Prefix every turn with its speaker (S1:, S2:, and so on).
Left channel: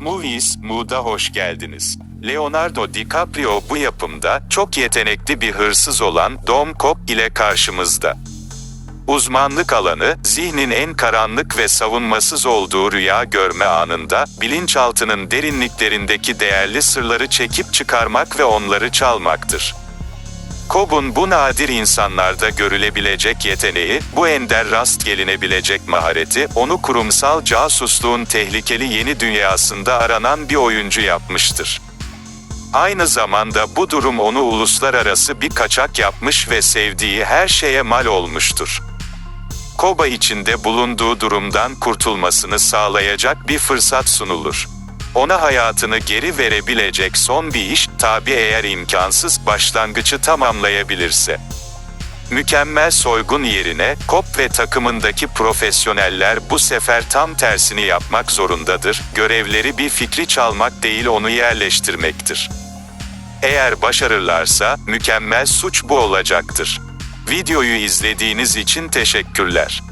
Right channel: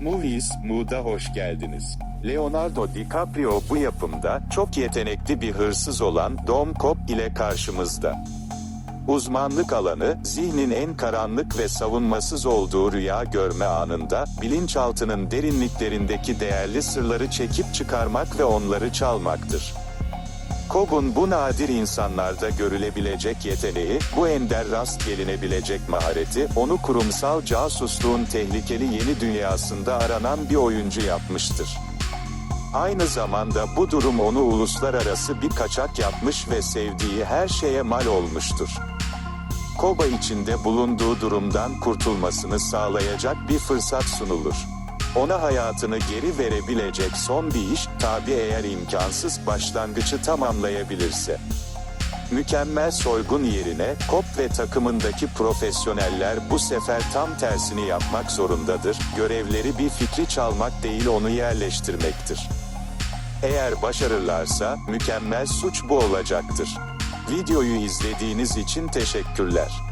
S1: Movies, Mood'a hoş geldiniz. Leonardo DiCaprio bu yapımda çok yetenekli bir hırsız olan Dom Cop ile karşımızda. Uzmanlık alanı, zihnin en karanlık ve savunmasız olduğu rüya görme anında, bilinçaltının derinliklerindeki değerli sırları çekip çıkarmak ve onları çalmaktır. Cobb'un bu nadir insanlarda görülebilecek yeteneği, bu ender rast gelinebilecek mahareti, onu kurumsal casusluğun tehlikeli yeni dünyasında aranan bir oyuncu yapmıştır. Aynı zamanda bu durum onu uluslararası bir kaçak yapmış ve sevdiği her şeye mal olmuştur. Koba içinde bulunduğu durumdan kurtulmasını sağlayacak bir fırsat sunulur. Ona hayatını geri verebilecek son bir iş, tabi eğer imkansız başlangıcı tamamlayabilirse. Mükemmel soygun yerine, Kop ve takımındaki profesyoneller bu sefer tam tersini yapmak zorundadır, görevleri bir fikri çalmak değil onu yerleştirmektir. Eğer başarırlarsa, mükemmel suç bu olacaktır. Videoyu izlediğiniz için teşekkürler.